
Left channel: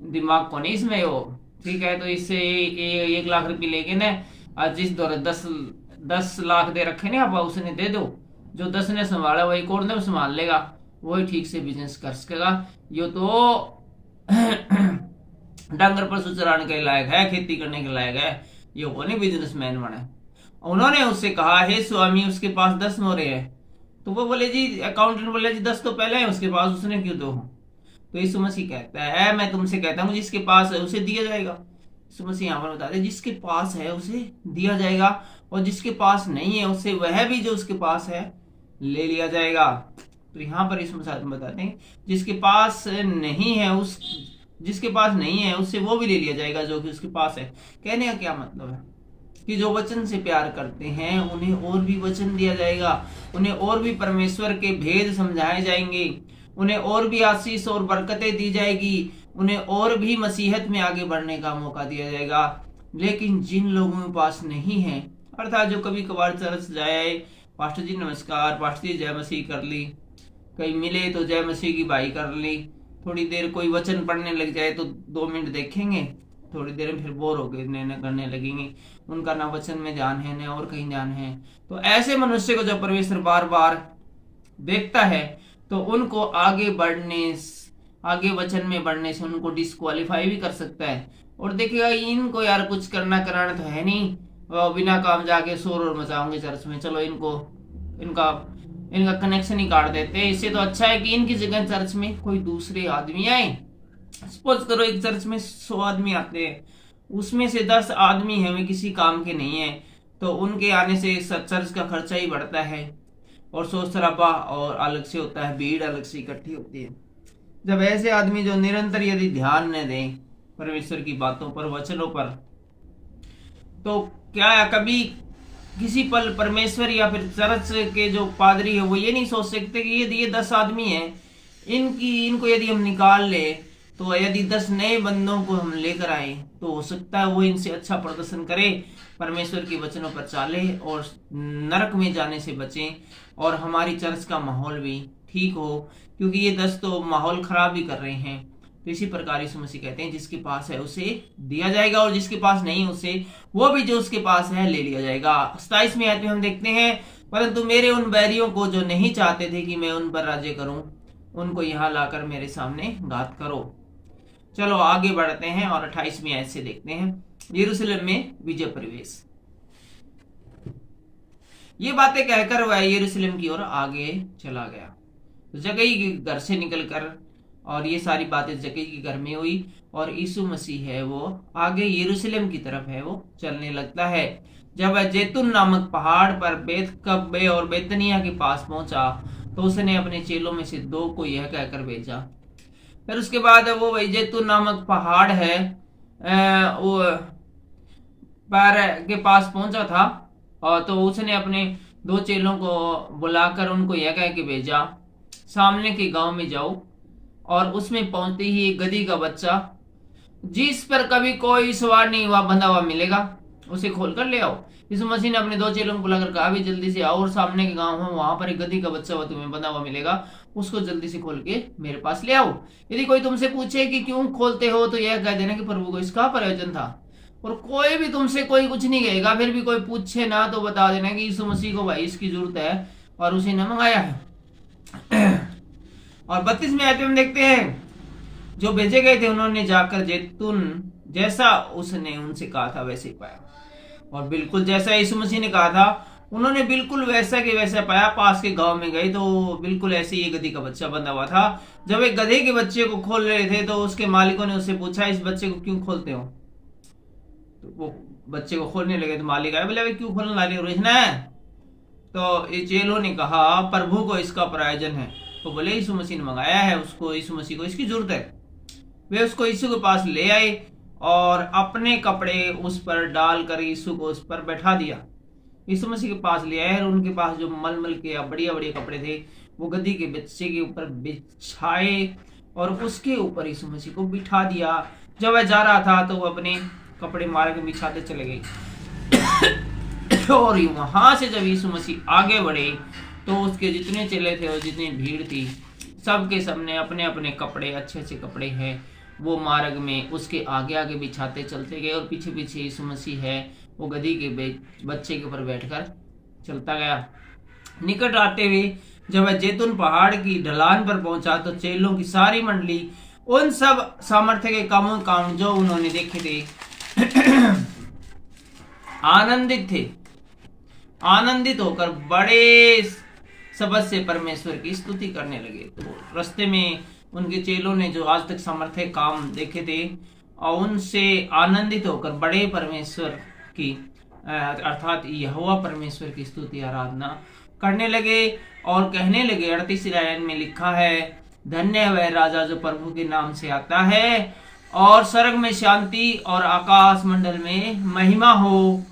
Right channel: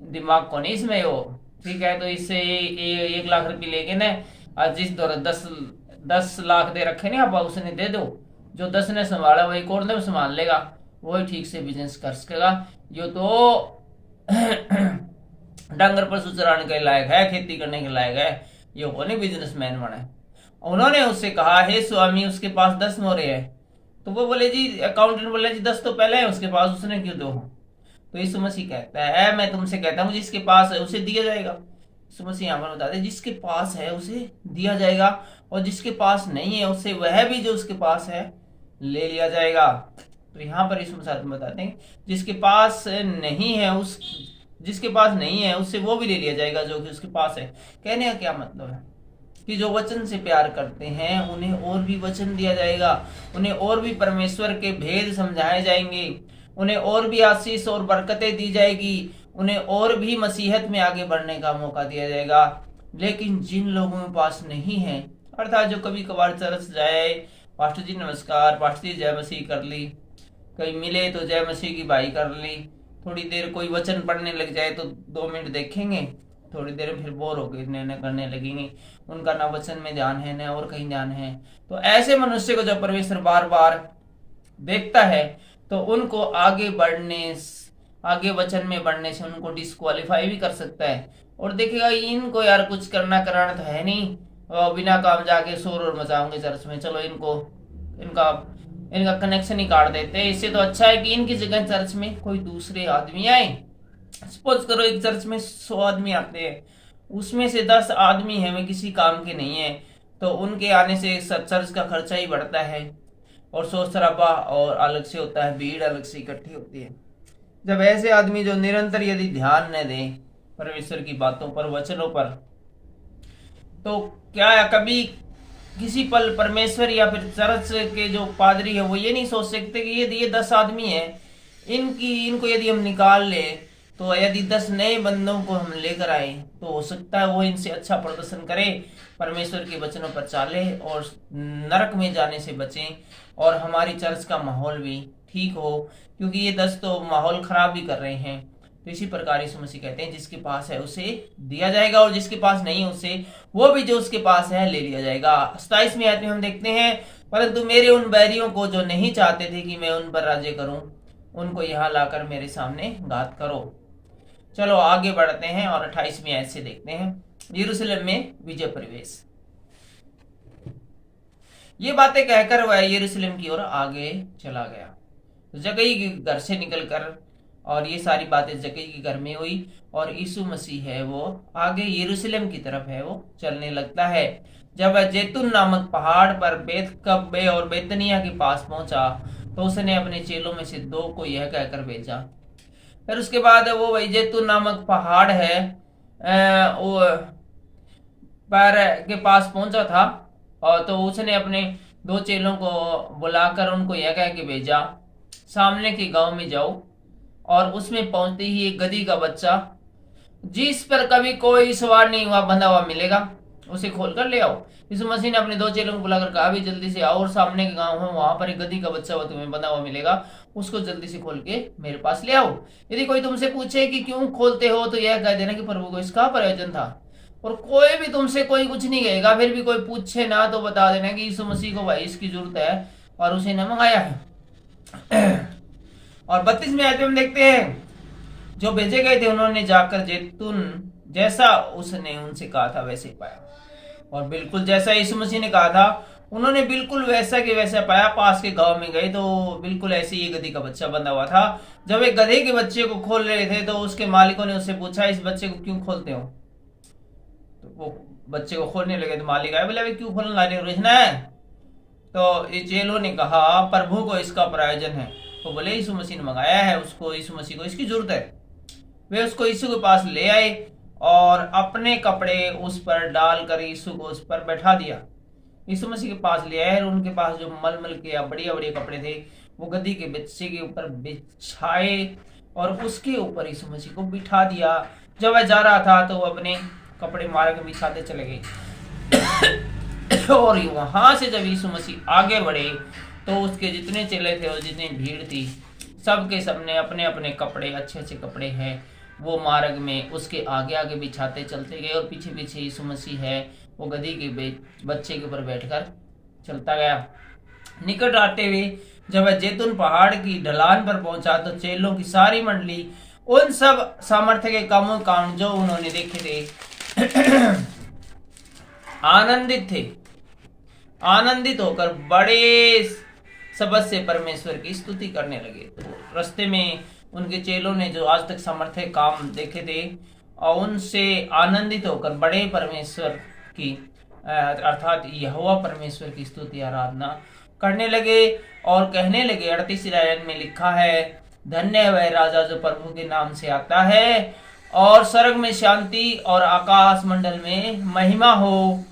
दिमाग को नहीं इसमें हो, ठीक है। तो इससे 1 लाख रुपये लेके ना आज जिस दौर 10 लाख दे रखे ना आप उसने दे दो, जो 10 ने संभाला वही कौन ने संभाल लेगा, वही ठीक से बिजनेस कर सकेगा। यो तो डांगर पशु चराने के लायक है, खेती करने के लायक है, ये को नहीं बिजनेसमैन बने। उन्होंने उससे कहा, हे स्वामी, उसके पास 10 मोहरें है। तो वो बोले, जी अकाउंटेंट बोले, जी 10 तो पहले है उसके पास, उसने क्यों दो? तो यीशु मसीह कहता है, मैं तुमसे कहता हूँ जिसके पास है उसे दिया जाएगा, यीशु मसीह यहाँ पर बताते हैं जिसके पास है उसे दिया जाएगा और जिसके पास नहीं है उससे वह भी जो उसके पास है ले लिया जाएगा। तो यहाँ पर यीशु मसीह बताते हैं जिसके पास नहीं है उससे वो भी ले लिया जाएगा जो कि उसके पास है। कहने का क्या मतलब है कि जो वचन से प्यार करते हैं उन्हें और भी वचन दिया जाएगा, उन्हें और भी परमेश्वर के भेद समझाए जाएंगे, उन्हें और भी आशीष और बरकतें दी जाएगी, उन्हें और भी मसीहत में आगे बढ़ने का मौका दिया जाएगा। लेकिन जिन लोगों के पास नहीं है, अर्थात जो कभी कभार चर्च जाए, पास्टर जी नमस्कार, पास्टर जी जय मसीह कर ली, कहीं मिले तो जय मसीह की बाई कर ली, थोड़ी देर कोई वचन पढ़ने लग जाए तो 2 मिनट देखेंगे, थोड़ी देर में फिर बोर होकर निर्णय करने लगेंगे, उनका ना वचन में ध्यान है ना और कहीं ध्यान है। तो ऐसे मनुष्य को जब परमेश्वर बार बार देखता है तो उनको आगे वचन में बढ़ने से उनको डिस्क्वालीफाई भी कर सकता है और देखेगा इनको यार कुछ करना कराना तो है नहीं, बिना काम जाके शोर और मचाओगे चर्च में, चलो इनका कनेक्शन ही काट देते हैं। इससे तो अच्छा है कि इनकी जगह चर्च में कोई दूसरे आदमी आए। सपोज करो एक चर्च में 100 आदमी आते हैं, उसमें से 10 आदमी है वे किसी काम के नहीं है, तो उनके आने से चर्च का खर्चा ही बढ़ता है और शोर शराबा और अलग से होता है, भीड़ अलग से इकट्ठी होती है। जब ऐसे आदमी जो निरंतर यदि ध्यान न दें परमेश्वर की बातों पर, वचनों पर, तो क्या कभी किसी पल परमेश्वर या फिर चर्च के जो पादरी है वो ये नहीं सोच सकते कि यदि ये 10 आदमी है इनको यदि हम निकाल ले, तो यदि 10 नए बंदों को हम लेकर आए तो हो सकता है वो इनसे अच्छा प्रदर्शन करे, परमेश्वर के वचनों पर चाले और नरक में जाने से बचें और हमारी चर्च का माहौल भी ठीक हो, क्योंकि ये 10 तो माहौल खराब भी कर रहे हैं। तो इसी प्रकार यीशु मसीह कहते हैं जिसके पास है उसे दिया जाएगा और जिसके पास नहीं है उसे वो भी जो उसके पास है ले लिया जाएगा। 27वें आयत में हम देखते हैं, परंतु मेरे उन बैरियों को जो नहीं चाहते थे कि मैं उन पर राज्य करूं, उनको यहाँ लाकर मेरे सामने घात करो। चलो आगे बढ़ते हैं और 28वीं आयत से देखते हैं यरूशलेम में विजय प्रवेश। ये बातें कहकर वह यरूशलेम की ओर आगे चला गया। जक्कई के घर से निकलकर और ये सारी बातें जक्कई के घर में हुई और यीशु मसीह है वो आगे यरूशलेम की तरफ है वो चलने लगता है। जब वह जैतून नामक पहाड़ पर बेतकब्बे और बेतनिया के पास पहुंचा तो उसने अपने चेलों में से 2 को यह कहकर भेजा। फिर उसके बाद वो वही जैतून नामक पहाड़ है वो पर के पास पहुंचा था और तो उसने अपने 2 चेलों को बुलाकर उनको यह कह के भेजा, सामने के गांव में जाओ और उसमें पहुंचते ही एक गधी का बच्चा जिस पर कभी कोई सवार नहीं हुआ बंधा हुआ मिलेगा, उसे खोल कर ले आओ। यीशु मसीह ने अपने 2 चेलों को बुलाकर कहा भी जल्दी से आओ और सामने के गांव है वहां पर एक गधी का बच्चा हुआ तुम्हें बंधा हुआ मिलेगा, उसको जल्दी से खोल के मेरे पास ले आओ। यदि कोई तुमसे पूछे कि क्यों खोलते हो तो यह कह देना कि प्रभु को इसका प्रयोजन था। और कोई भी तुमसे कोई कुछ नहीं कहेगा, फिर भी कोई पूछे ना तो बता देना कि यीशु मसीह को भाई इसकी जरूरत है और उसे न मंगाया है। और 32वें आयत में हम देखते हैं जो भेजे गए थे उन्होंने जाकर जैतून जैसा उसने उनसे कहा था वैसे ही पाया, और बिल्कुल जैसा यीशु मसीह ने कहा था उन्होंने बिल्कुल वैसा के वैसा पाया। पास के गांव में गए तो बिल्कुल ऐसे ही गधी का बच्चा बंधा हुआ था। जब एक गधे के बच्चे को खोल रहे थे तो उसके मालिकों ने उससे पूछा इस बच्चे को क्यों खोलते हो, तो वो बच्चे को खोलने लगे तो मालिक आए बोले क्यों खोलने लगे रोजना है, तो ये चेलों ने कहा प्रभु को इसका प्रयोजन है। तो बोले यीशु मसीह ने मंगाया है उसको, यीशु मसीह को इसकी जरूरत है। वे उसको यीशु के पास ले आए और अपने कपड़े उस पर डालकर यीशु को उस पर बैठा दिया। यीशु मसीह के पास ले आए और उनके पास जो मलमल के या बढ़िया बढ़िया कपड़े थे वो गधी के बच्चे के ऊपर बिछाए और उसके ऊपर यीशु मसीह को बिठा दिया। जब वह जा रहा था तो वो अपने कपड़े मार के बिछाते चले गए। और वहां से जब यीशु मसीह आगे बढ़े तो उसके जितने चेले थे और जितनी भीड़ थी सबके सबने अपने अपने कपड़े अच्छे कपड़े हैं वो मार्ग में उसके आगे आगे बिछाते चलते गए और पीछे पीछे यीशु मसीह है वो गधी के बच्चे के ऊपर बैठकर चलता गया। निकट आते हुए जब वह जैतून पहाड़ की ढलान पर पहुंचा तो चेलों की सारी मंडली उन सब सामर्थ्य के काम जो उन्होंने देखे थे आनंदित होकर बड़े शब्द से परमेश्वर की स्तुति करने लगे। तो रास्ते में उनके चेलों ने जो आज तक सामर्थ्य काम देखे थे और उनसे आनंदित होकर बड़े परमेश्वर की अर्थात यहोवा परमेश्वर की स्तुति आराधना करने लगे और कहने लगे। 38 लाइन में लिखा है, धन्य है वह राजा जो प्रभु के नाम से आता है, और स्वर्ग में शांति और आकाश मंडल में महिमा हो।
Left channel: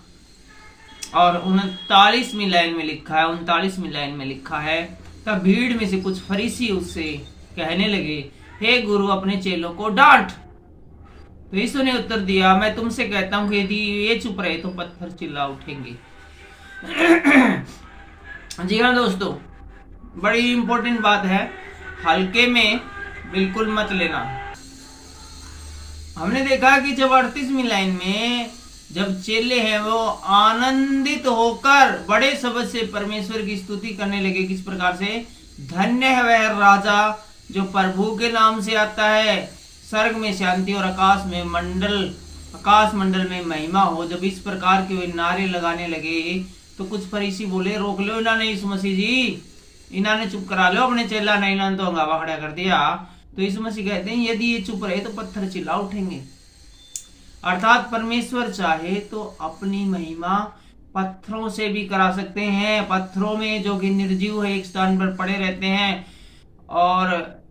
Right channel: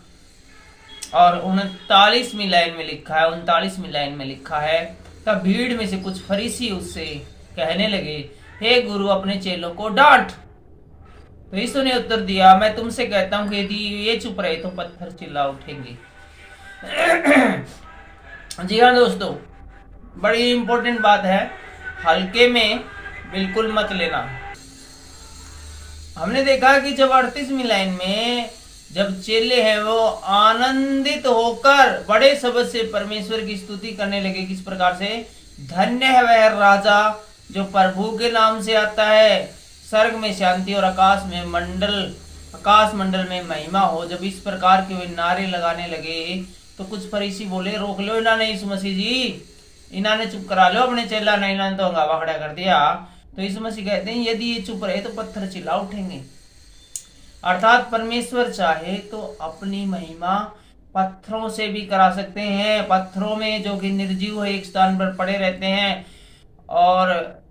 और 39वीं लाइन में लिखा है, तब भीड़ में से कुछ फरीसी उससे कहने लगे, हे गुरु, अपने चेलों को डांट। तो यीशु ने उत्तर दिया, मैं तुमसे कहता हूं कि यदि ये चुप रहे तो पत्थर चिल्ला उठेंगे। जी हाँ दोस्तों, बड़ी इंपॉर्टेंट बात है, हल्के में बिल्कुल मत लेना। हमने देखा कि जब 38वीं लाइन में जब चेले हैं वो आनंदित होकर बड़े शब्द से परमेश्वर की स्तुति करने लगे। किस प्रकार से? धन्य है वह राजा जो प्रभु के नाम से आता है, स्वर्ग में शांति और आकाश मंडल में महिमा हो। जब इस प्रकार के वे नारे लगाने लगे तो कुछ फरीसी बोले, रोक लो इन्होंने यीशु मसीह जी, इन्होंने चुप करा लो अपने चेला ने, इन्होंने तो हंगामा खड़ा कर दिया। तो यीशु मसीह कहते हैं, यदि ये चुप रहे तो पत्थर चिल्ला उठेंगे। अर्थात परमेश्वर चाहे तो अपनी महिमा पत्थरों से भी करा सकते हैं। पत्थरों में जो कि निर्जीव है एक स्थान पर पड़े रहते हैं और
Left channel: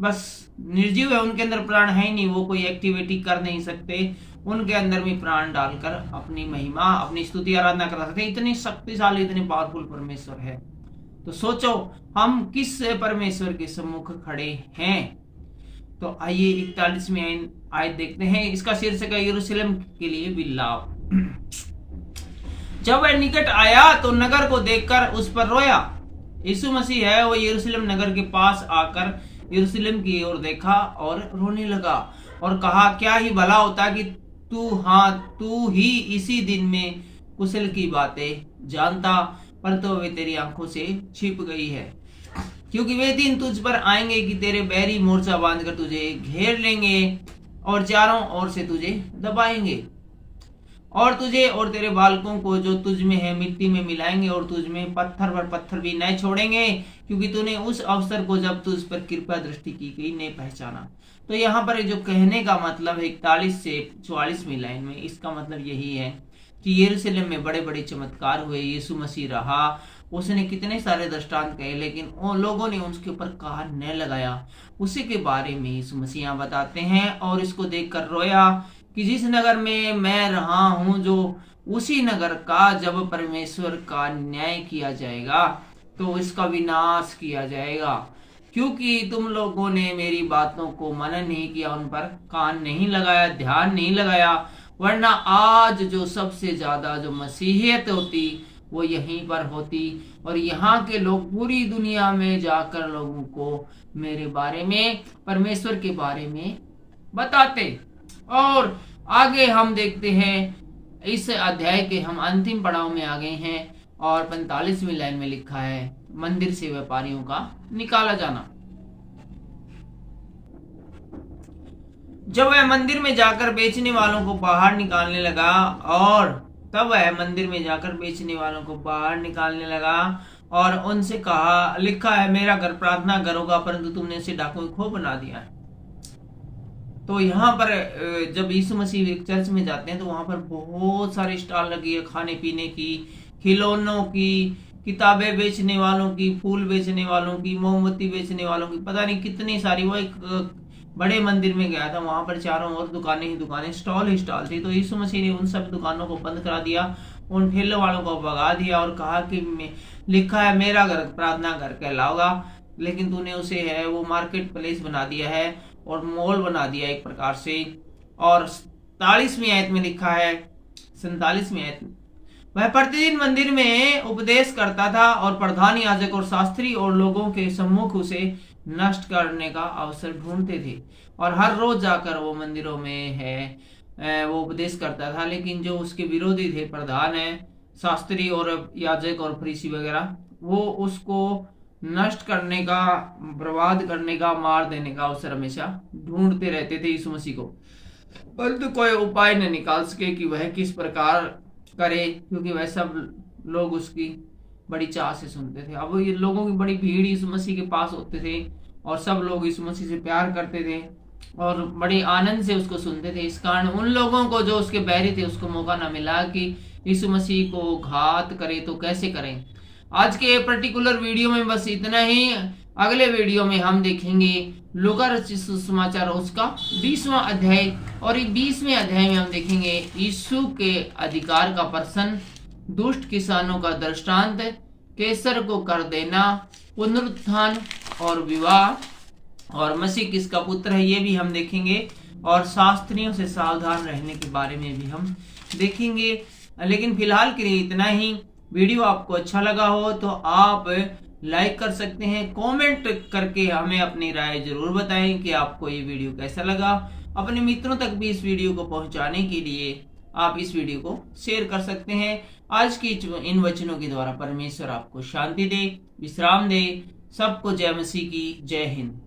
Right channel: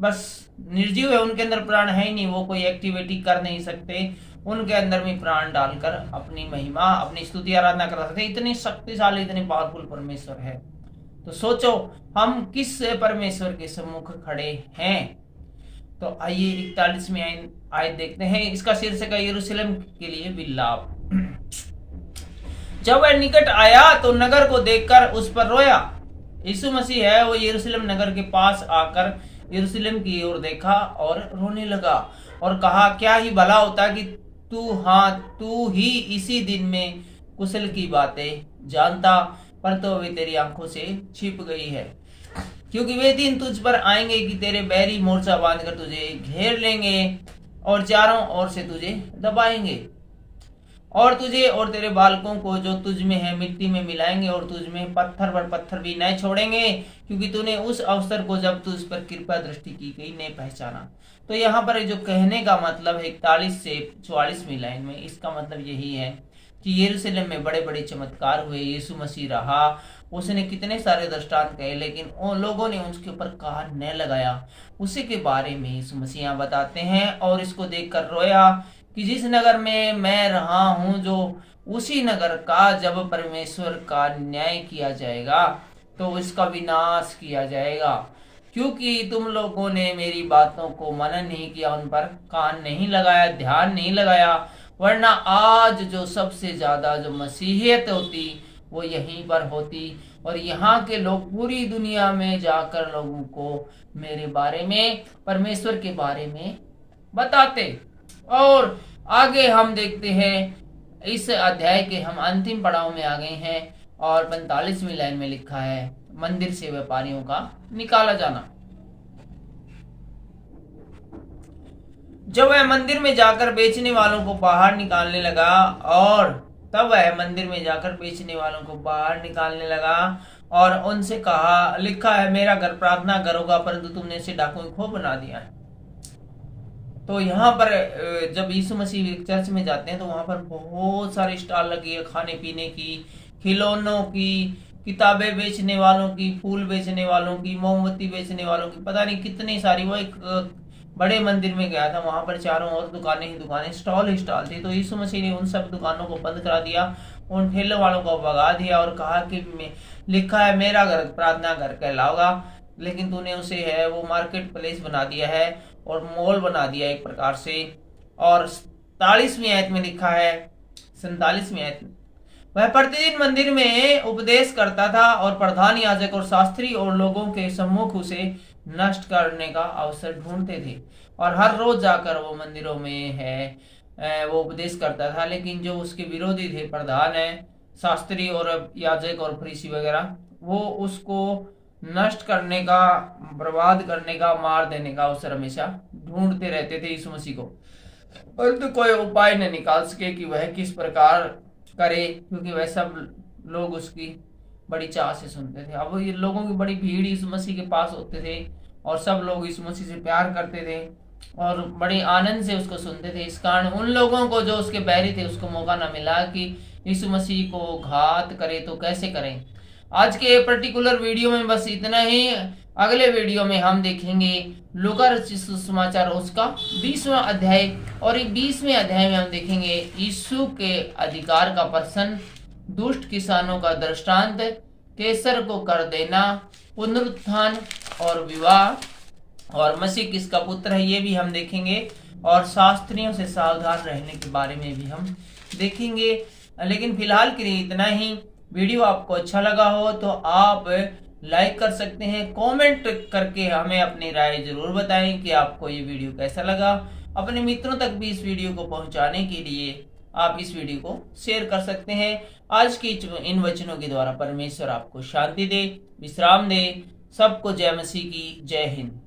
बस निर्जीव है, उनके अंदर प्राण है ही नहीं, वो कोई एक्टिविटी कर नहीं सकते, उनके अंदर भी प्राण डालकर अपनी महिमा, अपनी स्तुति आराधना करा सकते हैं। इतनी शक्तिशाली, इतनी पावरफुल परमेश्वर है। तो सोचो हम किस परमेश्वर के सम्मुख खड़े हैं। तो आइए 41वीं आयत देखते हैं। इसका शीर्षक है यरूशलेम के लिए विलाप। जब वह निकट आया तो नगर को देखकर उस पर रोया। यीशु मसीह है वो यरूशलेम नगर के पास आकर यरूशलेम की ओर देखा और रोने लगा और कहा, क्या ही भला होता कि तू ही इसी दिन में कुशल की बातें जानता, पर तो वे तेरी आंखों से छिप गई है। क्योंकि वे दिन तुझ पर आएंगे कि तेरे बैरी मोर्चा बांधकर तुझे घेर लेंगे और चारों ओर से तुझे दबाएंगे, और तुझे और तेरे बालकों को जो तुझ में है मिट्टी में मिलाएंगे, और तुझ में पत्थर पर पत्थर भी न छोड़ेंगे, क्योंकि तूने उस अवसर को जब तुझ पर कृपा दृष्टि की गई नहीं पहचाना। तो यहाँ पर जो कहने का मतलब है 41 से 44वीं लाइन में, इसका मतलब यही है कि यरूशलेम में बड़े बड़े चमत्कार हुए, यीशु मसीह रहा, उसने कितने सारे दृष्टांत कहे, लेकिन उन लोगों ने उसके ऊपर कान न लगाया। उसी के बारे में यीशु मसीह यहाँ बताते हैं, और इसको देखकर रोया कि जिस नगर में मैं रहा हूं, जो उसी नगर का जब परमेश्वर का न्याय किया जाएगा तो इसका विनाश किया जाएगा, क्योंकि तुम लोगों ने मेरी बातों को मनन नहीं किया, उन पर कान नहीं लगाया, ध्यान नहीं लगाया। वरना आज जो सबसे ज्यादा जो मसीहियत होती वो यहीं पर होती, और यहाँ के लोग पूरी दुनिया में जाकर लोगों को मेरे बारे में, परमेश्वर के बारे में बताते। और आगे हम देखते हैं, इस अध्याय के हम अंतिम पड़ाव में आ गए हैं, और 45वीं लाइन में लिखा है, मंदिर से व्यापारियों का निकाला जाना। जब वह मंदिर में जाकर बेचने वालों को बाहर निकालने लगा, और तब वह मंदिर में जाकर बेचने वालों को बाहर निकालने लगा और उनसे कहा, लिखा है मेरा घर प्रार्थना घर होगा, परंतु तुमने इसे डाकुओं की खोह बना दिया है। तो यहाँ पर जब यीशु मसीह चर्च में जाते हैं तो वहां पर बहुत सारे स्टॉल लगी है, खाने पीने की, खिलौनों की, किताबें बेचने वालों की, फूल बेचने वालों की, मोमबत्ती बेचने वालों की, पता नहीं कितनी सारी। वो एक बड़े मंदिर में गया था, वहां पर चारों ओर दुकानें ही दुकानें, स्टॉल ही स्टॉल थी। तो यीशु मसीह ने उन सब दुकानों को बंद करा दिया, उन ठेले वालों को भगा दिया और कहा कि लिखा है मेरा घर प्रार्थना घर कहलाओगा, लेकिन तूने उसे है वो मार्केट प्लेस बना दिया है और मॉल बना दिया एक प्रकार से। और 47वीं आयत में लिखा है, 47वीं आयत में, वह प्रतिदिन मंदिर में उपदेश करता था और प्रधान याजक और शास्त्री और लोगों के सम्मुख उसे नष्ट करने का अवसर ढूंढते थे, और हर रोज जाकर वो मंदिरों में है वो उपदेश करता था। लेकिन जो उसके विरोधी थे, प्रधान है, शास्त्री और याजक और फरीसी वगैरह, वो उसको नष्ट करने का, बर्बाद करने का, मार देने का अवसर हमेशा ढूंढते रहते थे यीशु मसीह को, परंतु कोई उपाय न निकाल सके कि वह किस प्रकार करे, क्योंकि वह सब लोग उसकी बड़ी चाह से सुनते थे। अब ये लोगों की बड़ी भीड़ यीशु मसीह के पास होते थे और सब लोग यीशु मसीह से प्यार करते थे, और बड़े आनंद से उसको सुनते थे। इस कारण उन लोगों को जो उसके बैरी थे उसको मौका ना मिला कि यीशु मसीह को घात करे तो कैसे करें। आज के पर्टिकुलर वीडियो में बस इतना ही। अगले वीडियो में हम देखेंगे लूका रचित सुसमाचार उसका 20वां अध्याय, और 20वें अध्याय में हम देखेंगे यीशु के अधिकार का प्रश्न, दुष्ट किसानों का दृष्टांत, कैसर को कर देना, पुनरुत्थान और विवाह, और मसीह किसका पुत्र है ये भी हम देखेंगे, और शास्त्रियों से सावधान रहने के बारे में भी हम देखेंगे। लेकिन फिलहाल के लिए इतना ही। वीडियो आपको अच्छा लगा हो तो आप लाइक कर सकते हैं, कमेंट करके हमें अपनी राय जरूर बताएं कि आपको ये वीडियो कैसा लगा। अपने मित्रों तक भी इस वीडियो को पहुंचाने के लिए आप इस वीडियो को शेयर कर सकते हैं। आज की इन वचनों के द्वारा परमेश्वर आपको शांति दे, विश्राम दे। सबको जय मसीह की, जय हिंद।